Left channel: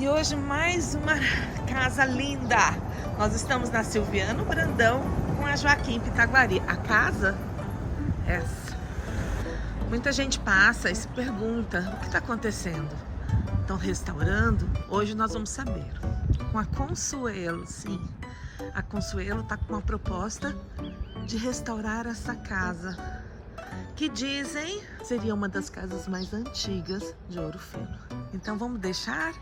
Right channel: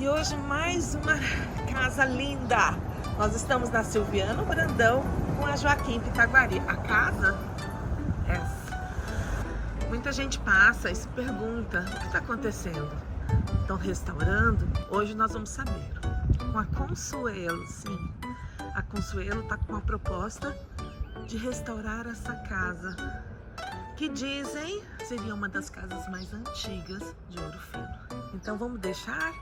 E hoje mais uma casa linda. Nós estamos na Silviano Brandão com a Joaquim Pitaguari. A casa é essa. Muita gente passa e se pergunta o que está acontecendo. Estão restaurando? Hoje nós vamos saber. Com a Consuelo, sim. A Consuelo está com uma proposta de restaurar essa casa, que dizem seria uma das casas mais antigas de Ouro Fino. Então vamos deixar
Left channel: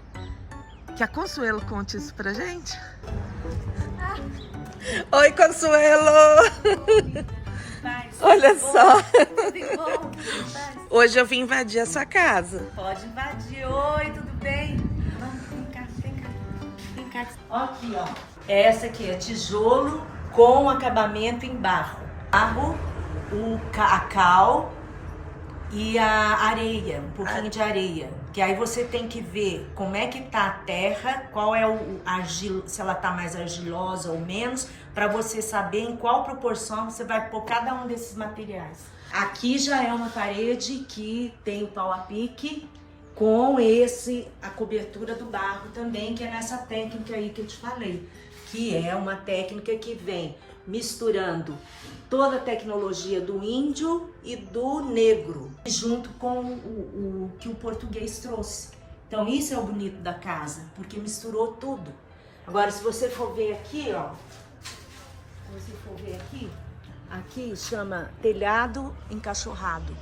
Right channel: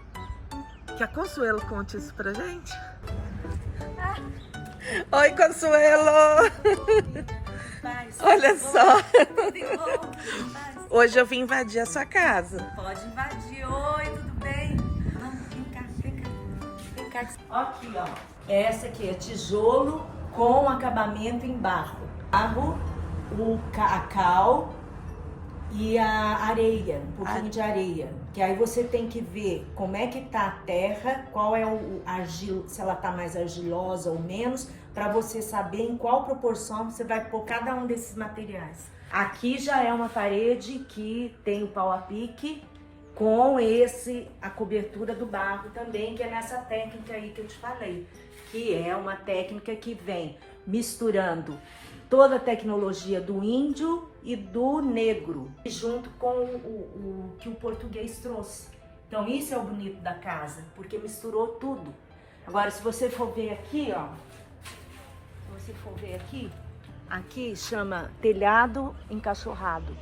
que a Consuelo conte isso pra gente? Oi, Consuelo! Olha só! Hoje eu vim invadir a sua casa. Pode invadir. Oi, tudo bem? Vamos, vem cá, vem cá. Vem cá. Aqui, ó. Essa aqui é tijolo com acabamento em barro. Barro, a cal e a areia, um pouquinho de areia. Que aí você tem que ver como é que tá a terra, qual é o argilo, se ela tá mais argilosa ou menos, para você saber em qual proporção você vai pôr cada um desses materiais. Aqui já é uma parede que tem o pau a pique com a cobertura do barro também, que é nessa técnica aí que eu te falei, que é uma técnica que vem misturando toda a tecnologia do índio e do negro, junto com o que o português trouxe. Então isso é o bonito da casa, porque misturou tudo. Agora, se você for ver aqui, ó, aqui chama telhado encaixorrado.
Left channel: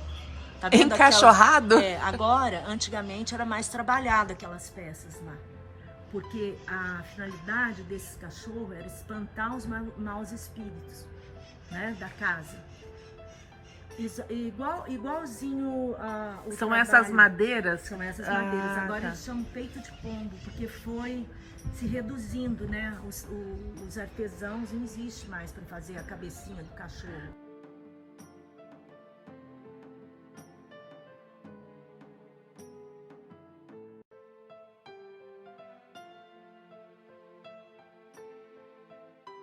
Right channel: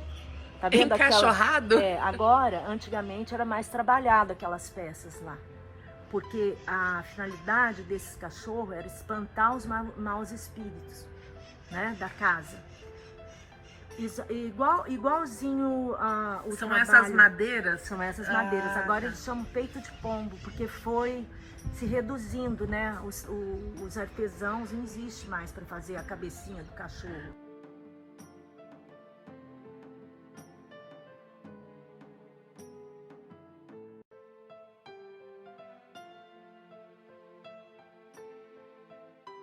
Tá vendo Encaixorrado? Agora, antigamente era mais trabalhado aquelas peças lá. Porque a finalidade desses cachorros era espantar os maus espíritos, né, da casa. Isso, igualzinho o São trabalho. essas madeiras? São essas madeiras. Agora tá. eles chamam peito de pombo, porque foi se reduzindo, né? Os artesãos não existe mais para fazer a cabecinha do cachorro.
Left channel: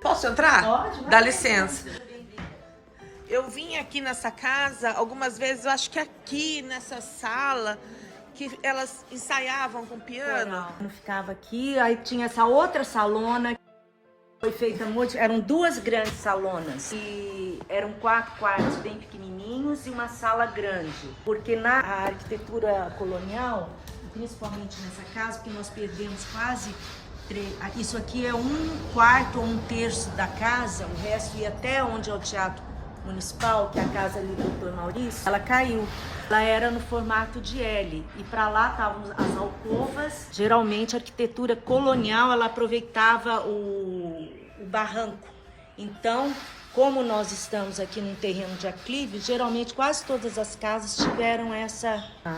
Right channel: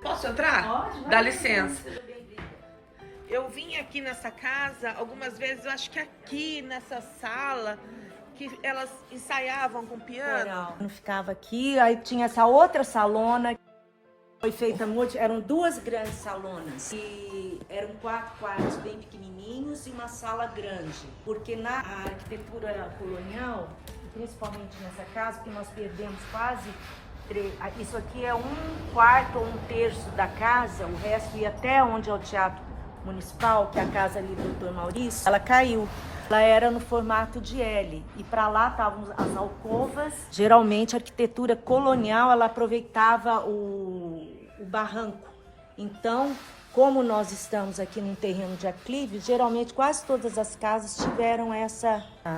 Posso entrar? Pode, Dá licença. Eu vim aqui nessa casa algumas vezes, eu acho que aqui nessa sala, que elas ensaiavam com piano. Eu ficava aqui, aí tinha essa outra salona, foi feita noite, eram duas grandes salonas e eram 4 quartos bem pequenininhos e uma sala grande, porque na arquitetura colonial, principalmente nessa casa, que nós perdemos quase isso aqui é 1/4 ou 1/3 da casa, o resto ia até onde é o Teatro Municipal, que é a casa ali do Dr. Maurício. Ela caiu, ela era no formato de L e para lá estavam as alcovas. Geralmente a arquitetura colonial ela aproveitava o barranco. Então, como nós estamos aqui num terreno de aclive, geralmente quase todas as casas tiveram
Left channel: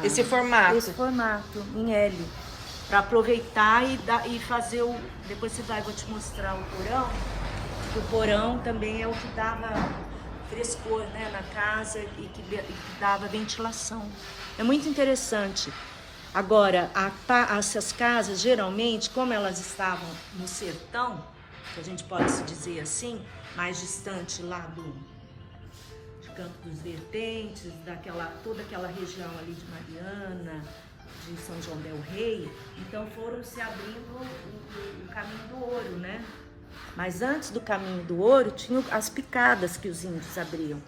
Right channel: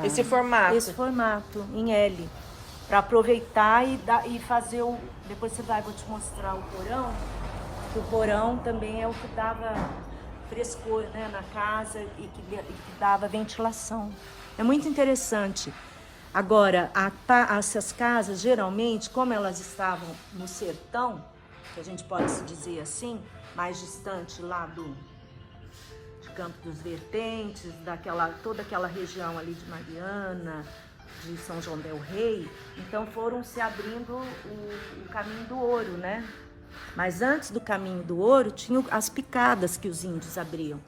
Esse formato. Esse formato em L, para aproveitar e fazer o... Depois vou te mostrar o porão, que o porão também é o que dava frescor, né, na casa e que dava ventilação. É muito interessante. Agora, essas casas, geralmente, como elas estavam no sertão, que a gente pode se dizer assim, mais distante lá de Campo dos Vertentes, toda aquela região ali de Mariana, de São João del Rei, então foram se abrindo o caminho do ouro, né? Mas antes do caminho do ouro, tinham as picadas que os índios abriam.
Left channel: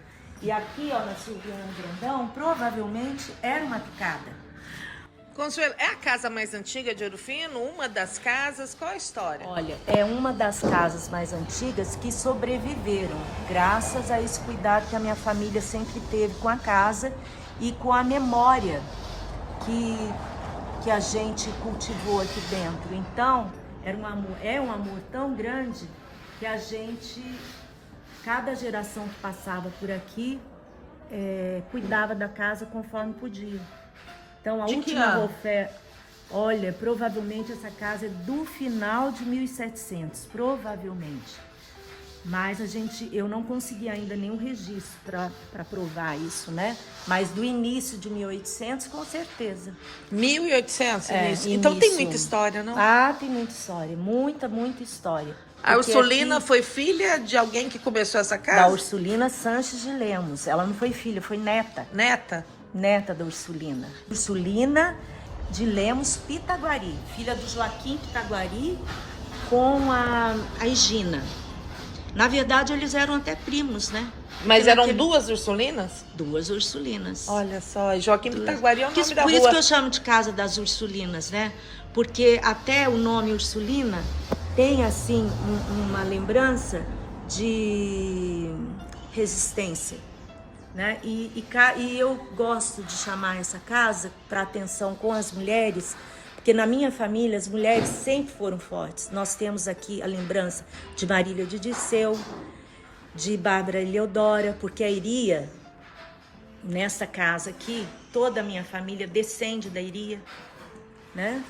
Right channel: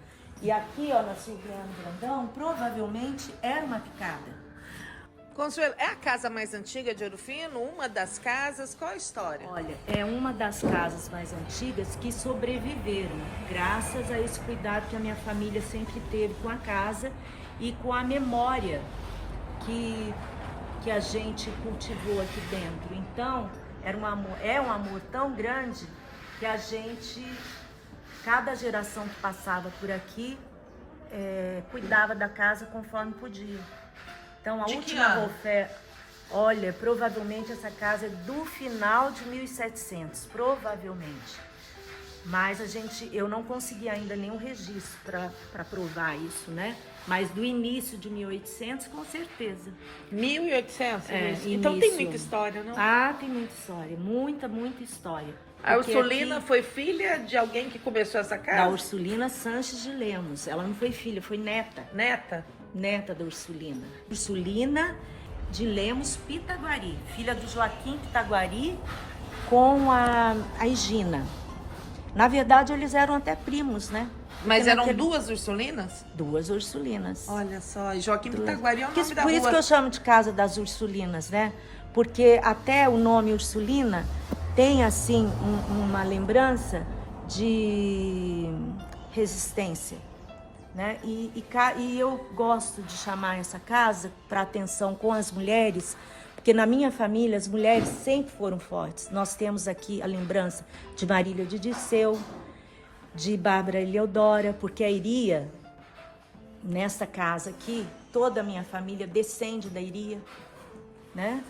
E aqui, ó, na Silviano Brandão, provavelmente era uma picada. Consuelo, é a casa mais antiga de Ouro Fino? Uma das casas? Qual a história? Olha, é uma das casas mais antigas que sobreviveram, graças a esse cuidado que a minha família sempre teve com a casa e com a memória que a gente cultivou aqui dentro. Então, é um amor tão grande que a gente, cada geração que passava por aqui, cuidava da casa conforme podia. Então, a última oferta, olha, provavelmente essa casa é do final de 1700, provavelmente. Mas eu não consegui ainda nenhum registro para provar isso, né? Mas do início de 1800, com certeza. 1800? Então tem muita história, não? Ah, tem muita história, muita história. A Ursulina foi filha de alguém que começou essa casa? Da Ursulina Sanches de Lemos. Ela não foi filha, foi neta. Neta? Neta da Ursulina. Ursulina de Lemos Pitaguari, filha do Joaquim Pitaguari com a Higina. Na verdade, eles eram até primos, né? Mas eram duas Ursulinas? Duas Ursulinas. Olha só, e Joaquim Pitaguari é o nome da Por rua. isso que eu chamo de Casa das Ursulinas, né? Porque até o nome Ursulina tem, assim, uma lembrança de resistência, né? E eu gosto de chamar essa casa para atenção com as mulheres, porque na minha família as mulheres sempre foram fortes. Nós temos aqui a lembrança de Marília de Dirceu, de Bárbara Eleodora, porque a Iria, nessa casa aqui, toda a minha família descende da Iria, né?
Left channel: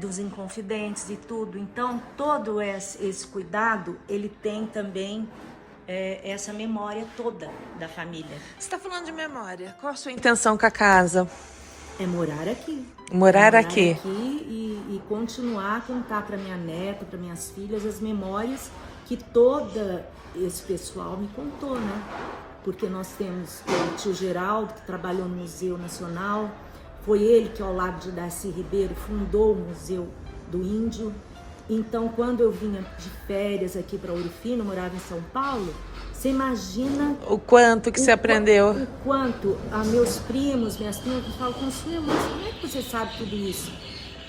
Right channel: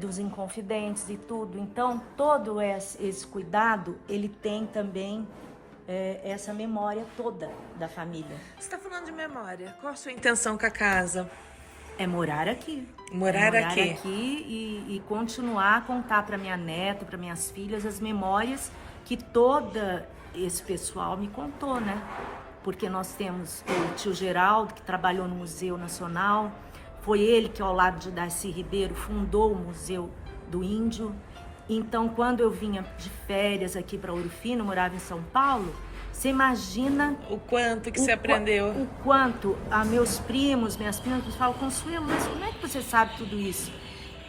Dos Inconfidentes e tudo. Então, todo esse cuidado, ele tem também essa memória toda da família. Você está falando de memória. Qual a sua intenção com a casa? É morar aqui. Morar aqui. E continuar a contar para minha neta, para minhas filhas, as memórias que todo esse pessoal me contou, né? Porque nós temos o tio Geraldo, que trabalhou no Museu Nacional. Foi ele que, ao lado de Darcy Ribeiro, fundou o Museu do Índio. Então, quando eu vinha de férias aqui para Ouro Fino, morava em São Paulo, você imagina... O quanto que você aprendeu. O quanto a meus primos, minhas primas, falam, Consuelo, mas como é que você sabe tudo isso?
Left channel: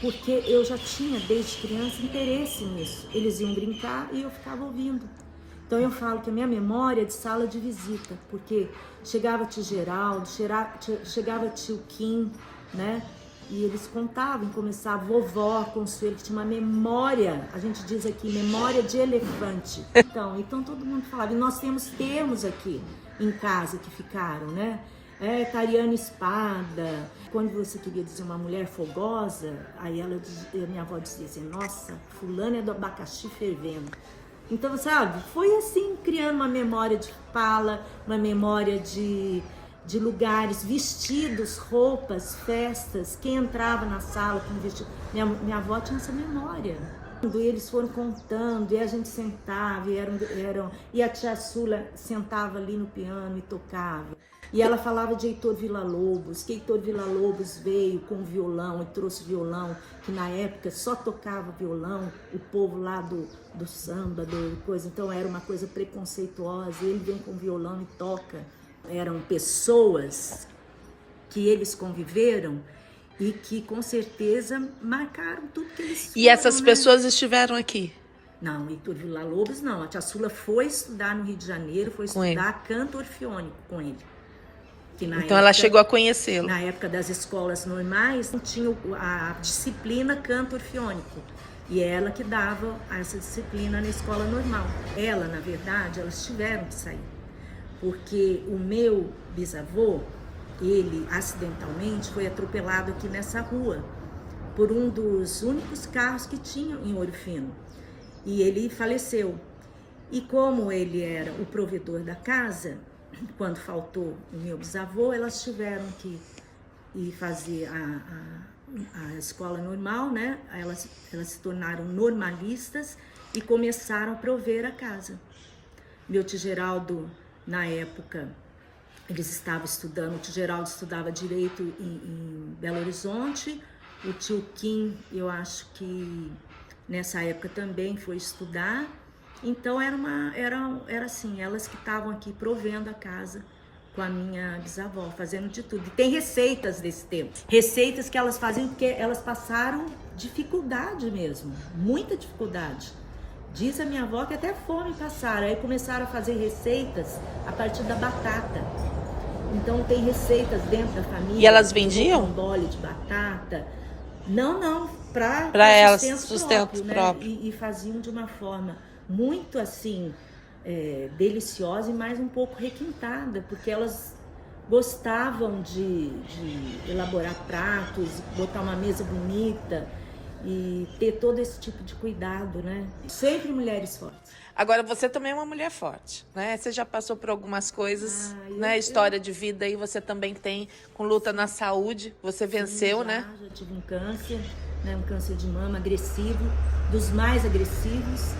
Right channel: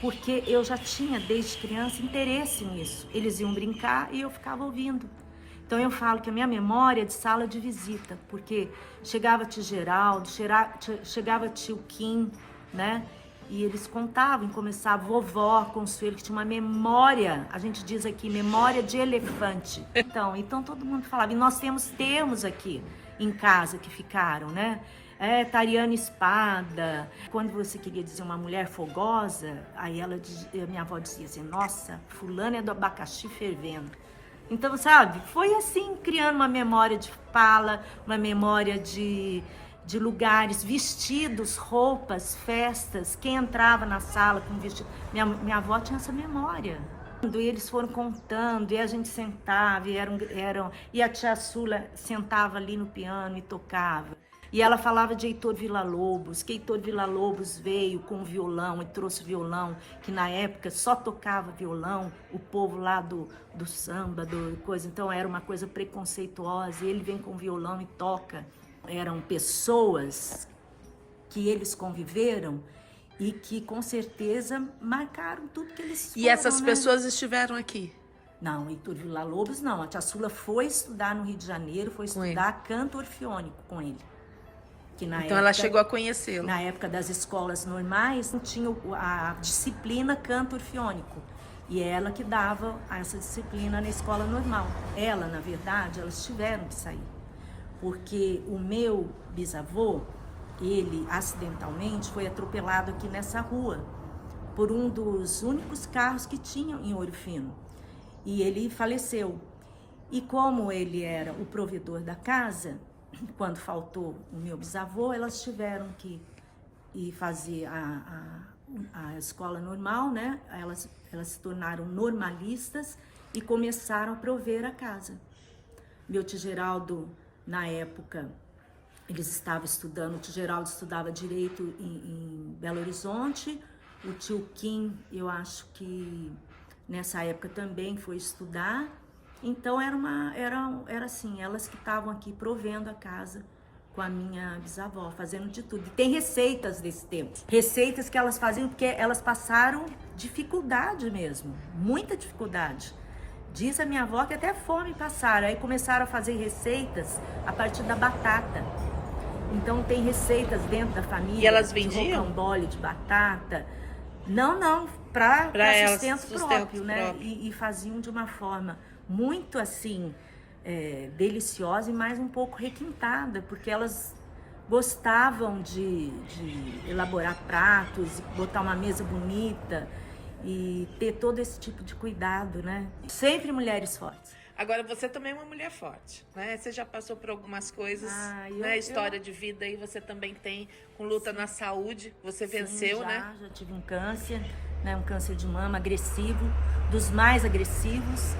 Porque eu já tinha, desde criança, interesse nisso. Eles iam brincar e eu ficava ouvindo. Então, eu falo que a minha memória é de sala de visita, porque chegava tio Geraldo, chegava tio Kim, né? E eles contavam, começava vovó Consuelo, que tinha uma memória, a gente diz aqui, memória de elefante. Então todo mundo falava, e nós temos termos aqui em casa que ficaram, né? Tariana Espada. Quando você queria dizer uma mulher fogosa, aí minha avó dizia assim, nossa, fulana é do abacaxi fervendo. Então, sabe, foi assim, criando uma memória de fala, uma memória de lugares, vestidos, roupas, festas, quem entrava na sala com vestido. Minha avó tinha essa memória. E eles foram contando, e a gente sentava, e a tia Sula sentava ali no piano e tocava. E ela falava de Heitor Villa-Lobos, que Heitor Villa-Lobos veio com violão e trouxe violão, que na época só tocava violão, o povo lá do samba, do coisa, então era uma coisa preconceituosa, e ele vem com violão e toca. Eram pessoas que eles conviveram e que com certeza marcaram tudo que eles foram. E essas pessoas estiveram aqui? Não, Heitor Villa-Lobos não. A tia Sula foi estudar no Rio de Janeiro, foi estudar canto orfeônico com ele. Então ela chegou a conhecê-lo. Na época das escolas normais, não tinha a disciplina canto orfeônico. E ela que dava essa disciplina na escola normal. Ela, na verdade, elas tiveram que sair. Porque o meu bisavô, ele acidentalmente foi atropelado aqui nessa rua por um dos únicos carros que tinham em Ouro Fino. E ele faleceu. E como ele era o provedor da casa, quando faltou o meu bisavô, elas tiveram que ir fazer a escola normal, né? Elas se tornaram normalistas e começaram a prover a casa. Meu tio Geraldo, na época, eles estavam estudando, o tio Geraldo estudava Direito em Belo Horizonte, o tio Kim, eu acho que nessa época também foi estudar. Então era assim, elas que estavam aqui provendo a casa com a minha bisavó, fazendo de tudo. E tem receitas desse tempo, receitas que elas faziam porque elas passaram dificuldade mesmo, muita dificuldade. Diz a minha avó que até fome passaram, aí começaram a fazer receitas a partir da batata. Então tem receitas dentro da família. E elas vendiam? Um bole de batata. Não, para sustento próprio, né? E faziam de uma forma muito assim, deliciosa e mais um pouco requintada, porque elas gostavam de elaborar pratos, botar uma mesa bonita e ter todo esse tipo de cuidado, né? Sempre mulheres fortes. Agora, você também é uma mulher forte, né? Você já passou por algumas coisas, né? História de vida aí você também tem, com luta na saúde, você venceu, né? Já tive um câncer, né? Um câncer de mama agressivo, dos mais agressivos.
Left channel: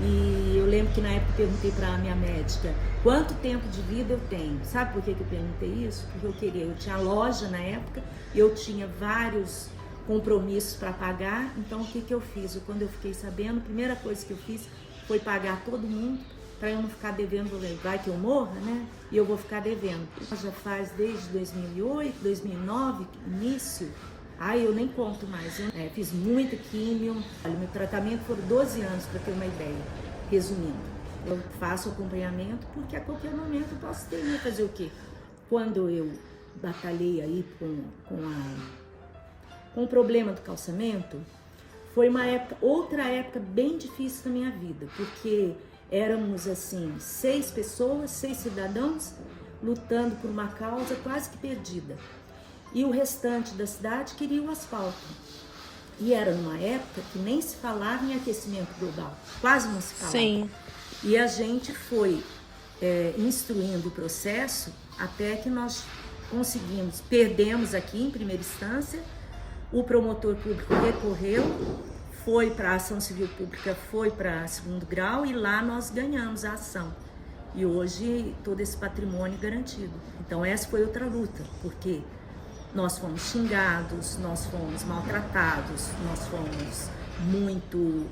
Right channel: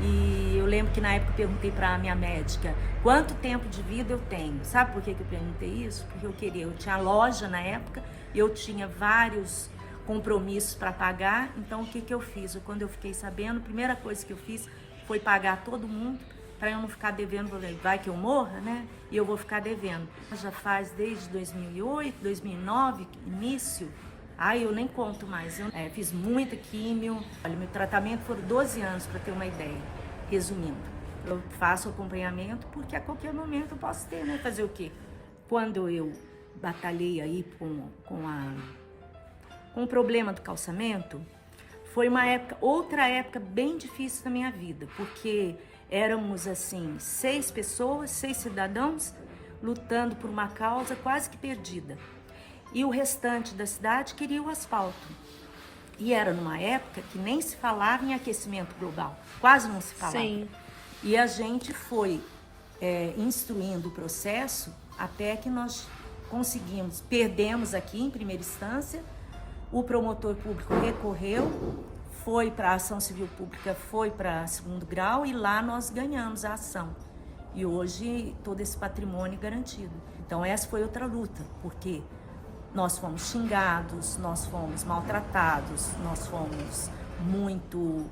E eu lembro que na época eu perguntei para a minha médica, quanto tempo de vida eu tenho? Sabe por que eu perguntei isso? Porque eu tinha loja na época, eu tinha vários compromissos para pagar. Então o que que eu fiz? Quando eu fiquei sabendo, a primeira coisa que eu fiz foi pagar todo mundo, para eu não ficar devendo. Vai que eu morra, né? E eu vou ficar devendo. Já faz desde 2008, 2009, início. Eu nem conto mais. Eu fiz muita químio. Olha, meu tratamento foram 12 anos, para ter uma ideia. Resumindo, eu faço acompanhamento porque a qualquer momento eu posso ter, né? Fazer o quê? Quando eu batalhei aí com o problema do calçamento, foi outra época bem difícil da minha vida, porque éramos assim 6 pessoas, 6 cidadãos lutando por uma causa quase que perdida. E o restante da cidade queria o asfalto. E era numa época que nem se falava em aquecimento global, quase não se falava. Sim. E a gente foi instruindo o processo até que nós conseguimos, perdemos aqui em primeira instância, o promotor público recorreu, foi para a ação civil pública, foi para segundo grau e lá nós ganhamos a ação. E hoje todo esse patrimônio garantido. Então essa foi outra luta, porque nós fomos xingados, nós fomos maltratados, nós fomos muito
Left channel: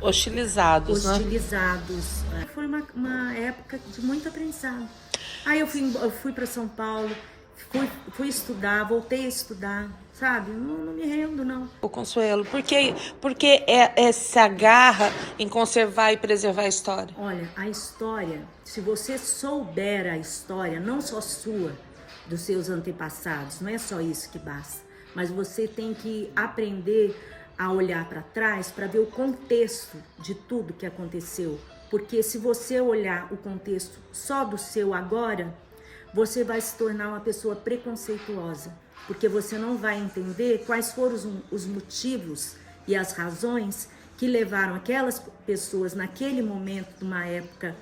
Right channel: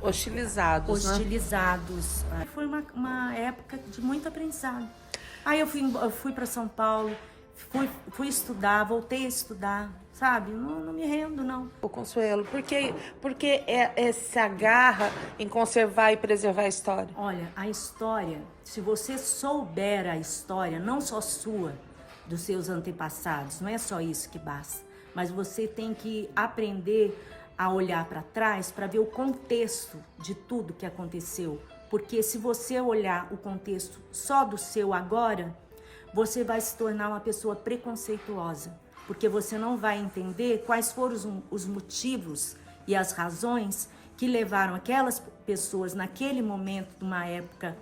hostilizados, né? Foi uma época de muito aprendizado. Aí eu fui para São Paulo, fui estudar, voltei a estudar, sabe? Não me rendo, não. O Consuelo, porque se agarra em conservar e preservar a história? Olha, a história, se você souber a história, não só sua, dos seus antepassados, não é só isso que basta, mas você tem que aprender a olhar para trás para ver o contexto de tudo que aconteceu, porque se você olhar o contexto só do seu agora, você vai se tornar uma pessoa preconceituosa, porque você não vai entender quais foram os motivos e as razões que levaram aquelas pessoas naquele momento, numa época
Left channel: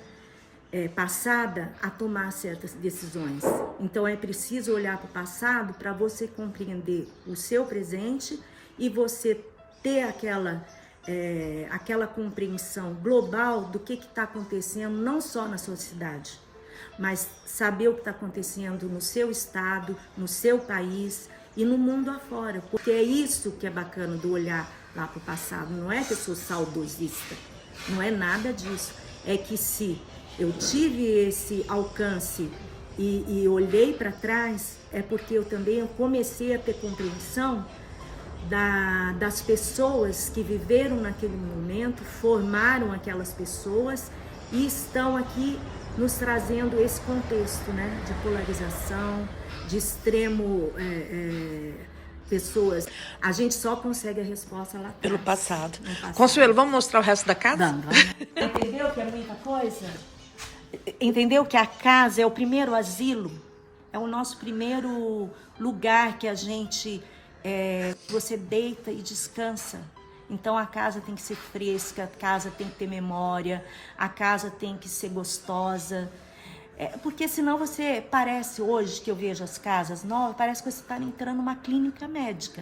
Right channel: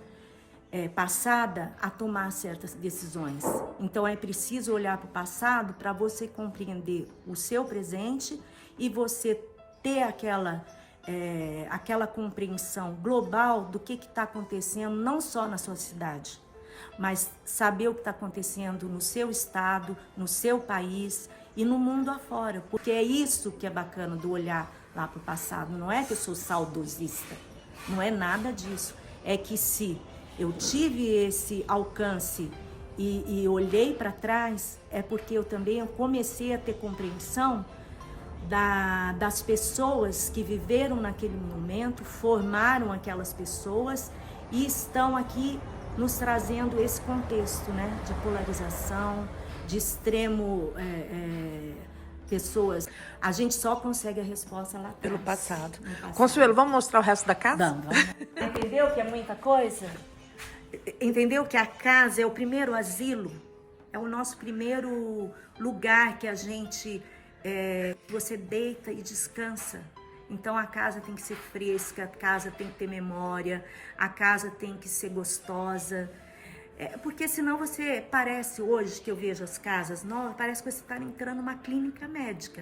passada, a tomar certas decisões. Então é preciso olhar para o passado para você compreender o seu presente e você ter aquela compreensão global do que está acontecendo, não só na sua cidade, mas saber o que está acontecendo no seu estado, no seu país e no mundo afora, porque é isso que é bacana do olhar lá para o passado. Não é que eu sou saudosista, não é nada disso, é que se eu tive esse alcance e olhei para trás, é porque eu também comecei a ter compreensão das pessoas que viveram naquele momento, formaram aquelas pessoas e estão aqui nos trazendo esse contexto, né, de polarização, de extremo, pessoas. A gente só consegue a resposta lá atrás. Pelo passado. Consuelo, vamos mostrar o resto da casa? Vamos. Entendeu que é muita coisa? Entendeu que a casa é o primeiro asilo? É o nosso primeiro lugar que a gente... você deita e descansa. Então a casa tem que ser fresca, a casa tem que ter memória, a casa tem que ser gostosa. Porque senão você parece, hoje que eu vejo as casas novas, parece que você está entrando numa clínica médica.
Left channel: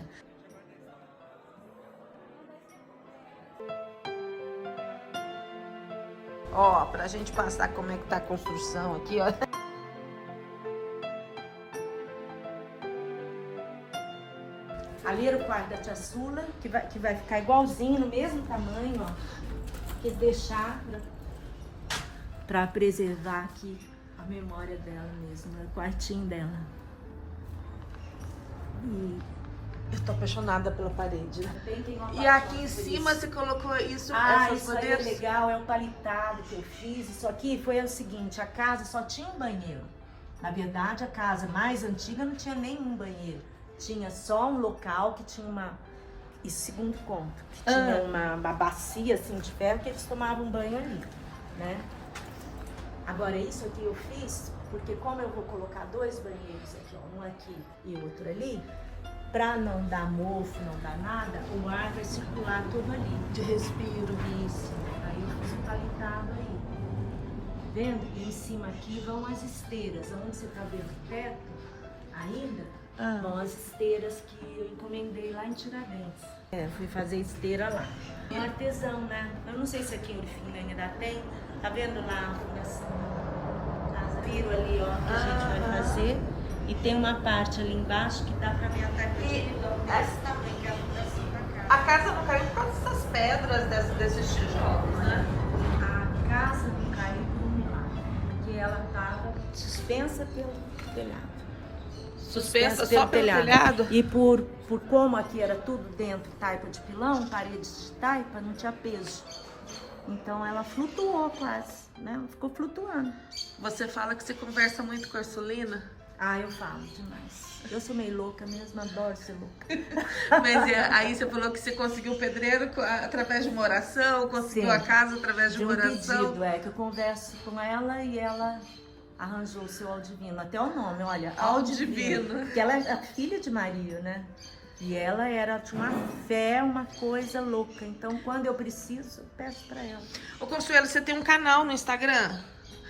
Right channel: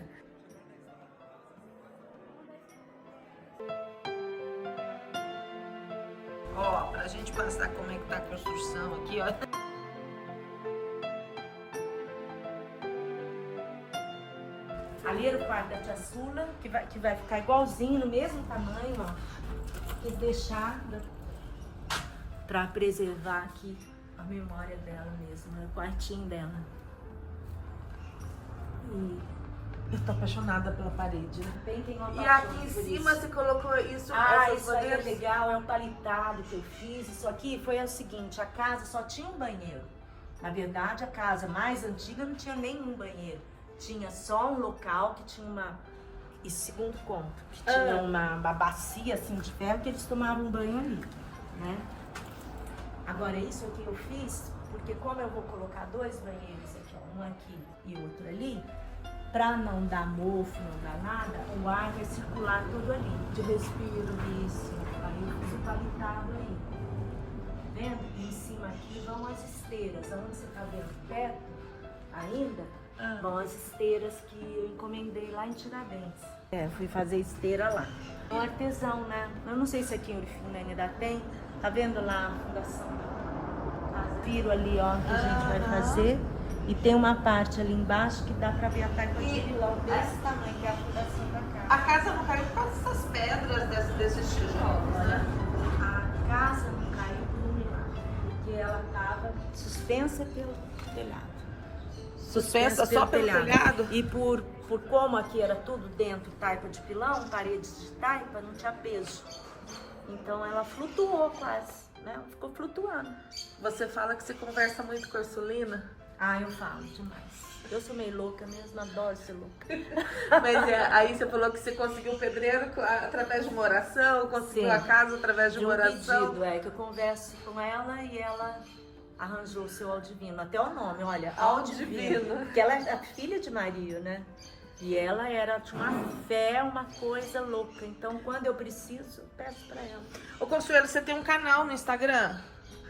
Ó, pra gente passar como é que tá a construção aqui, ó. Ali era o quarto da tia Sula, que vai ficar igualzinho, no mesmo tamanho, ó. Que deixar para preservar aqui a memória dela mesmo, né? O quartinho dela. Eu tô apaixonada pela parede. E aqui em cima você colocou isso, essas isso aí é madeiras? legal, é um palitado que eu fiz. Isso aqui foi o seguinte, a casa só tinha um banheiro. Na verdade, a casa mais antiga não tinha nenhum banheiro. Tinha só um local que tinha segundo ponto, que tinha uma bacia assim de ferro que eles tomavam banho ali, né? Agora isso aqui eu fiz porque como eu vou colocar 2 banheiros aqui, ó, um aqui e outro ali, para não dar mofo, não dar nada, o ar vai circular todo ali, de respiro, isso. Aí eu fiz o palitado aí, tá vendo? E em cima aqui vão as esteiras, onde você tá vendo o teto ainda. Vão as esteiras que eu encomendei lá em Tiradentes. Fui fazer esteira lá. É artesão, né? Eu não sei se aqui no fim ainda tem. Tá vendo lá a piro ali, ó, que a gente vai fazer. E tem uma parte ali embaixo que dá pra ver a parede. Desse tamanho, A casa não caiu por causa dessas pedras, desses tijolos, né? A casa não caiu porque ela estava suspensa pelo telhado. Suspensa só pelo telhado? E por como aqui era tudo dentro, taipa de pilão, paredes de taipa, não tinha peso. Então ela flutuou quase, né? Ficou flutuando. Você fala que você conversa muito com a Ursulina? Ah, eu falo demais. Eu sou meio louca mesmo, adoro ser louca. Mas aí você falou que você conseguiu o pedreiro através de uma oração, conseguiu a casa através de uma oração. Pedido, que eu converso com ela e ela arranjou o seu Aldivino. Até o nome, olha. Aldivino. Porque ela é a filha de Maria, né? E ela tinha uma fé, uma coisa louca. Então, quando eu preciso, eu peço pra ela. Ô, Consuelo, você tem um canal no Instagram?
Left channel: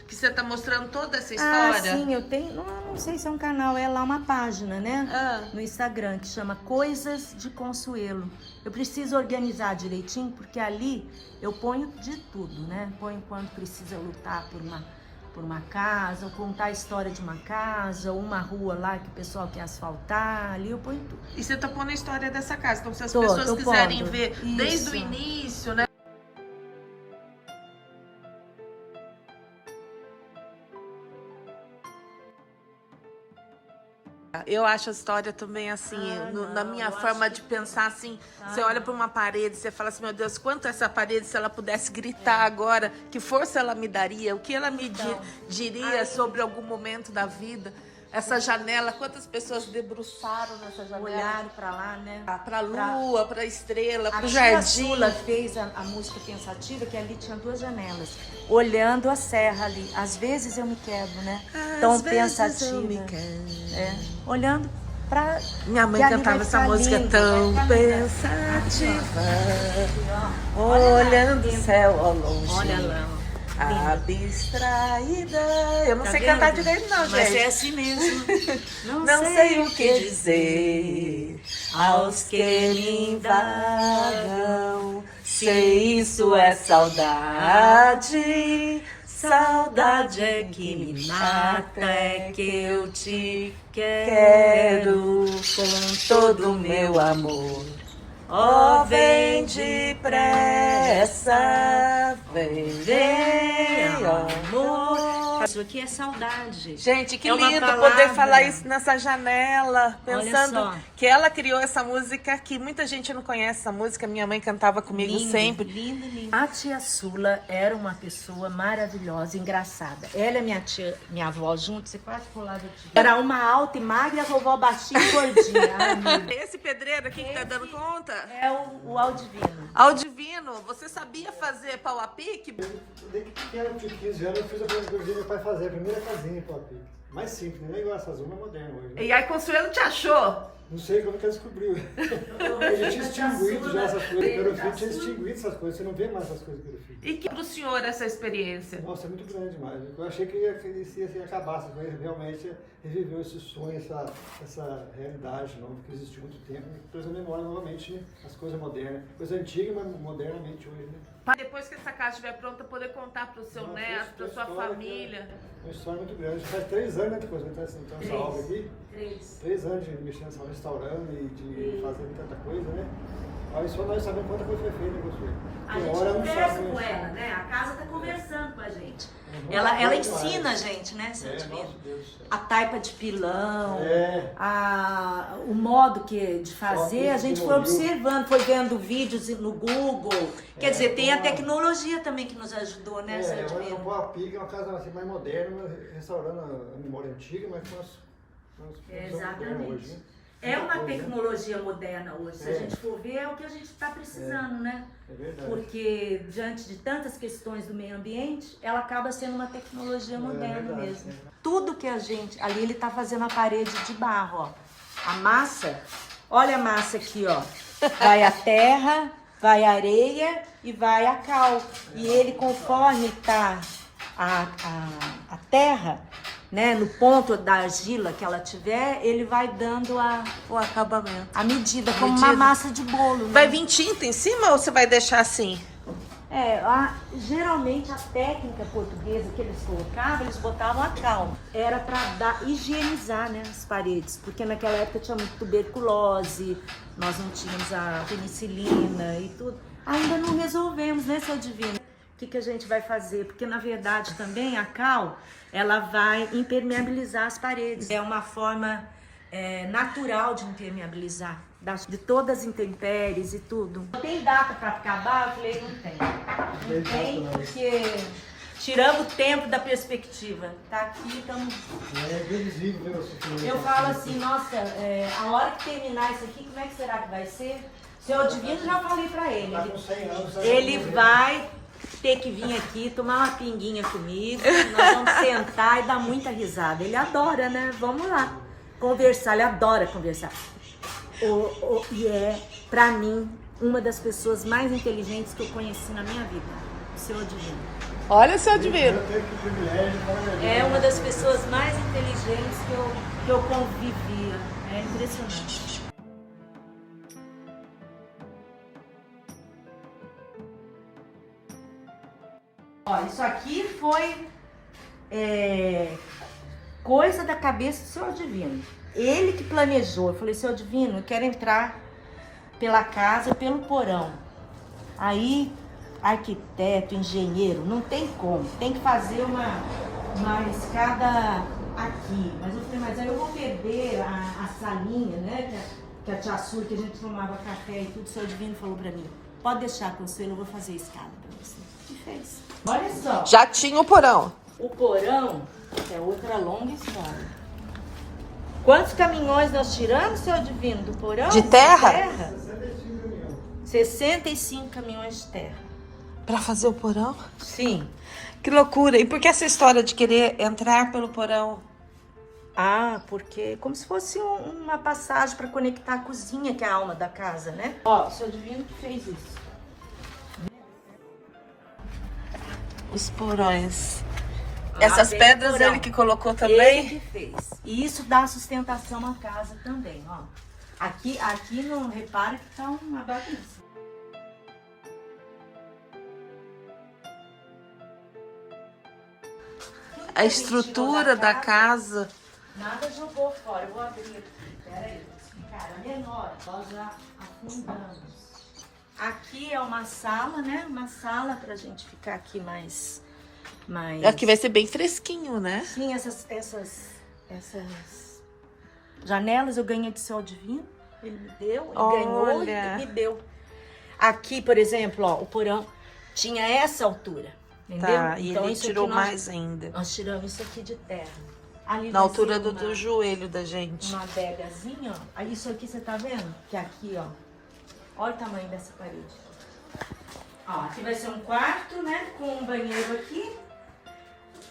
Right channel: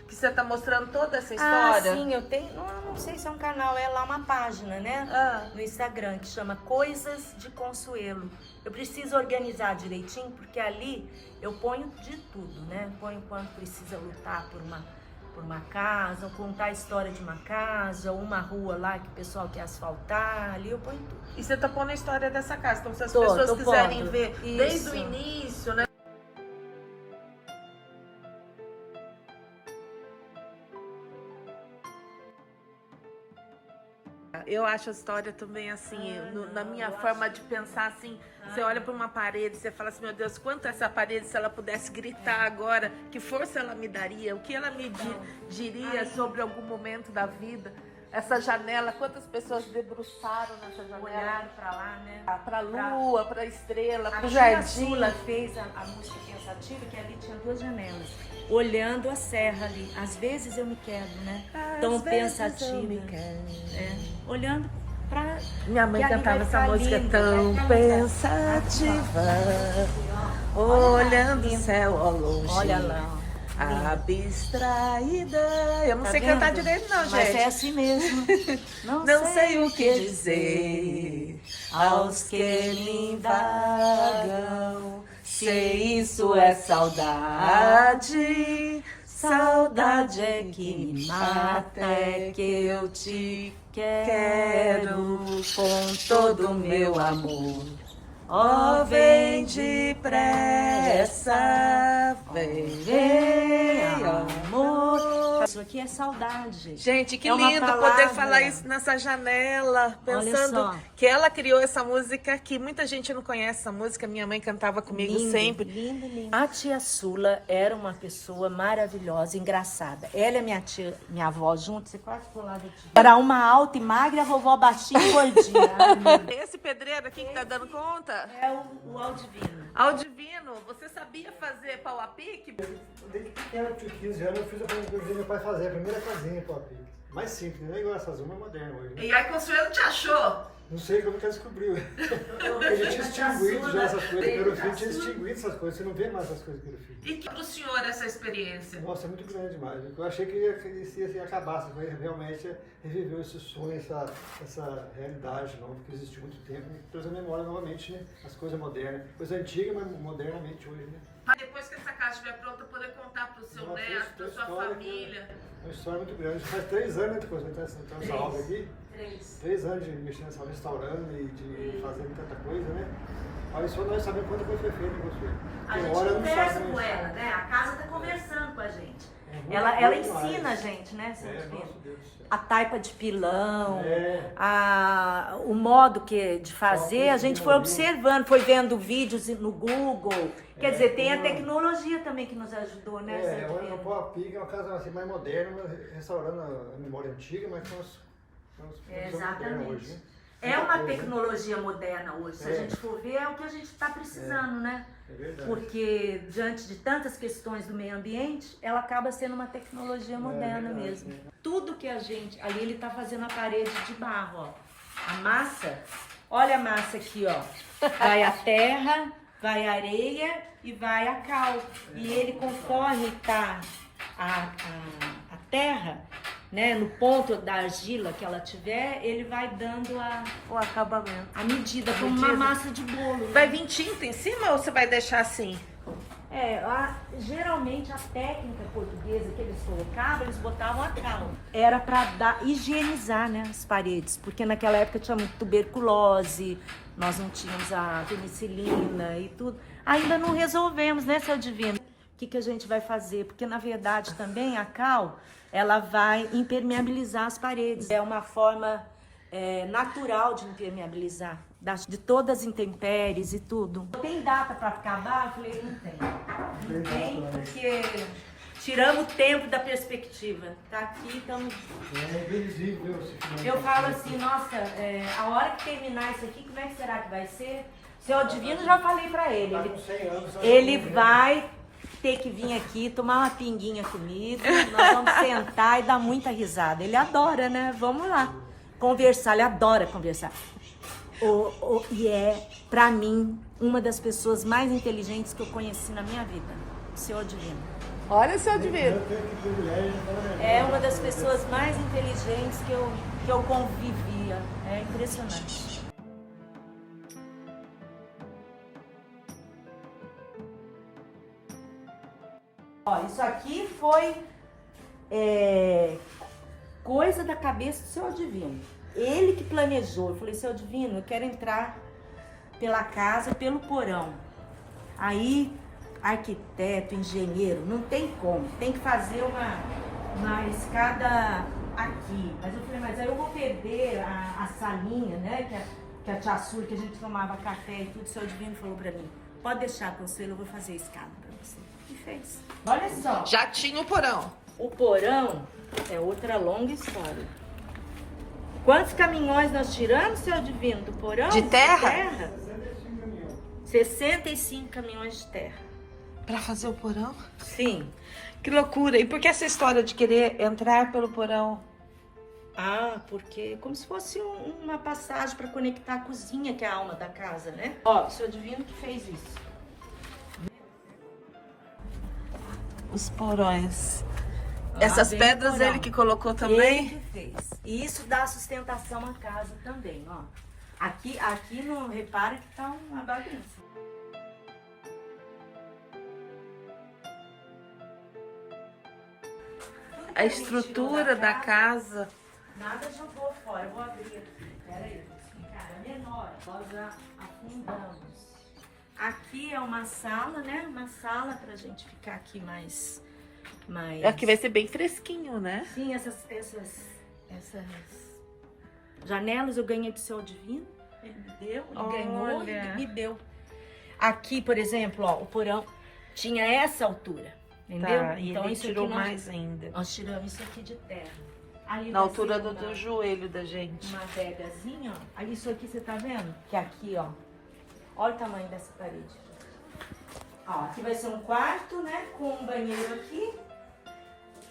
Que você tá mostrando toda essa história? Ah, sim, eu tenho. Não sei se é um canal, é lá uma página, né? No Instagram, que chama Coisas de Consuelo. Eu preciso organizar direitinho, porque ali eu ponho de tudo, né? Eu ponho quando precisa lutar por uma casa, ou contar a história de uma casa, ou uma rua lá que o pessoal quer asfaltar, ali eu ponho tudo. E você tá pondo a história dessa casa, então se as pessoas quiserem ver desde o início, né? Eu acho a história também assim, na minha forma de pensar assim, você olha para uma parede, você fala assim, meu Deus, quanto essa parede, se ela pudesse gritar agora, que força ela me daria, o que ela me diria sobre algum momento da vida. Essa janela, quantas pessoas debruçaram nessa janela? Olharam pra lá, né? Pra lua, pra estrela, pro jardim. A Sula fez a música pensativa, que ali tinha 2 janelas, olhando a serra ali. Às vezes eu me quebro, né? Tão pensativa. Eu me olhando pra... Minha mãe cantava essa música tão pensativa, olhando o céu ao longe. Abstraída. Eu não sei cantar direito, não, gente. Mas é assim mesmo. Não sei o que dizer aos que me invagam. Se isso é saudade, saudade é que me mata, é que eu te quero com todo o meu amor. Oh, vem depressa, vem, amor. Isso aqui é saudade. Gente, que lindo poder falar isso nessa janela, pensando que ela criou essa música que muita gente não conhece essa música. Minha mãe cantava comigo sempre. Linda, linda. A tia Sula era uma pessoa maravilhosa, engraçada. Ela e minha avó juntos, você quase colava de... Era uma alta e magra e a vovó baixinha e gordinha. Esse pedreiro aqui que tá dando conta? É o Aldivino. Aldivino, você sabia fazer pau a pique? Desde pequeno, de 15 anos, eu fiz a coisa que eu vi meu pai fazer, a primeira casinha pau a pique. Mais simples, não é igual essas uma moderna hoje. Né? E aí, Consuelo te achou? Não sei como que ela descobriu. Ele tinha extinguido já essas coisas. Pelo fim, tinha extinguido essas coisas. Você não vê mais essas coisas pelo fim. E que pro senhor essa experiência? Nossa, é muito grande demais. Eu achei que ia acabar, mas realmente reviveu esse sonho, essa realidade nova que existiu há muito tempo. E trouxe a memória novamente, né? As coisas modernas. Coisa antiga, mas modernamente hoje, né? Depois que essa casa estiver pronta, poder contar pro seu neto, pra sua família. Uma história muito grande. Faz 3 anos, né, coisa, então essa obra aqui. 3 anos de mexendo, restaurando e de fazendo tanta coisa, né? Olha, só nós sabemos quanta coisa foi feita, Consuelo. A gente conversa com ela, né? A casa tá conversando com a gente. Ela ensina a gente, né? A taipa de pilão, o modo de fazer, a gente foi observando, foi vendo vídeos no Google. Quer dizer, tem a tecnologia também que nos ajudou, né? O Pau a Pique é uma casa assim, mais moderna, restaurando a memória antiga, mas com as exatamente. Hoje, né? É uma tecnologia moderna hoje. Se a gente for ver, é o que a gente está precisando, né? É verdade. Porque diante de tantas questões do meio ambiente, ela acaba sendo uma tecnologia moderna mesmo. Tudo que a gente... Ali ele está fazendo a parede de barro, ó. A massa, olha a massa aqui, ó. Vai a terra, vai a areia e vai a cal. E ele, conforme está a terra, né, no ponto da argila que ela tiver, ele vai dando o acabamento. A medida, como uma massa de bolo. Né? Vai vir tinta em cima ou você vai deixar assim? Geralmente a técnica portuguesa que eles colocavam, eles botavam a cal. Era para higienizar, né, as paredes, porque naquela época tinha muito tuberculose, nós não tínhamos a penicilina e tudo. Ainda não resolvemos, né, seu Divino? O que a gente vai fazer? Porque na verdade também a cal, ela vai impermeabilizar as paredes. É uma forma natural de impermeabilizar. De todas as intempéries e tudo. Tem data para acabar? Eu falei, não tem. Não tem, porque tirando o tempo da perspectiva. Tá aqui, então... Eu falo assim, nossa, a hora que terminar isso aqui, como é que será que vai ser? Seu Divino, já falei para ele. Ele vai ter que vir aqui, tomar uma pinguinha comigo, nós vamos sentar e dar muita risada. Ele adora, né? Vamos lá. Conversar, ele adora conversar. E é, pra mim, uma das pessoas mais inteligentes que eu conheci na minha vida, o Senhor Divino. Olha, Senhor Divino. É uma das pessoas mais inteligentes que eu convivia. É impressionante. Olha, isso aqui foi coisa da cabeça do Senhor Divino. Ele que planejou. Eu falei, Senhor Divino, eu quero entrar pela casa, pelo porão. Aí, arquiteto, engenheiro, não tem como. Tem que fazer uma escada aqui. Mas eu falei, mas aí eu vou perder a salinha, né? Que a tia Sur, que a gente tomava café e tudo. O Senhor Divino falou pra mim, pode deixar, Consuelo, eu vou fazer a escada pra você. E fez. Olha só. Já tinha o porão. O porão é outra longa história. Quantos caminhões nós tiramos, Senhor Divino, do porão? De terra? 65 caminhões de terra. Pra fazer o porão? Sim. Que loucura. E por que essa história de querer entrar pelo porão? Porque é como se fosse uma passagem para conectar a cozinha, que é a alma da casa, né? Ó, o Senhor Divino que fez isso. Os porões. Essas pedras porão. ele que colocou também? Ele que fez. E isso dá sustentação à casa também, ó. Aqui não repara que tá uma bagunça. A estrutura da casa. Nada jogou fora. Eu vou abrir aqui. Peraí, vou explicar. É menor. Nós já afundamos. Aqui é uma sala, né? Uma sala pra gente ficar aqui mais... Aqui vai ser bem fresquinho, né? Sim, essas janelas eu ganhei de Senhor Divino. Ele me deu, ele ganhou e me deu. Aqui, por exemplo, ó, o porão tinha essa altura, entendeu? Tá, e então, ele isso tirou aqui mais ainda. Nós tiramos isso aqui de terra. Ali Na vai altura ser do joelho da gente. uma adegazinha, ó. Aí isso aqui você tá vendo? Que aqui, ó. Olha o tamanho dessa parede. Ó, aqui vai ser um quarto, né? Com um banheiro aqui.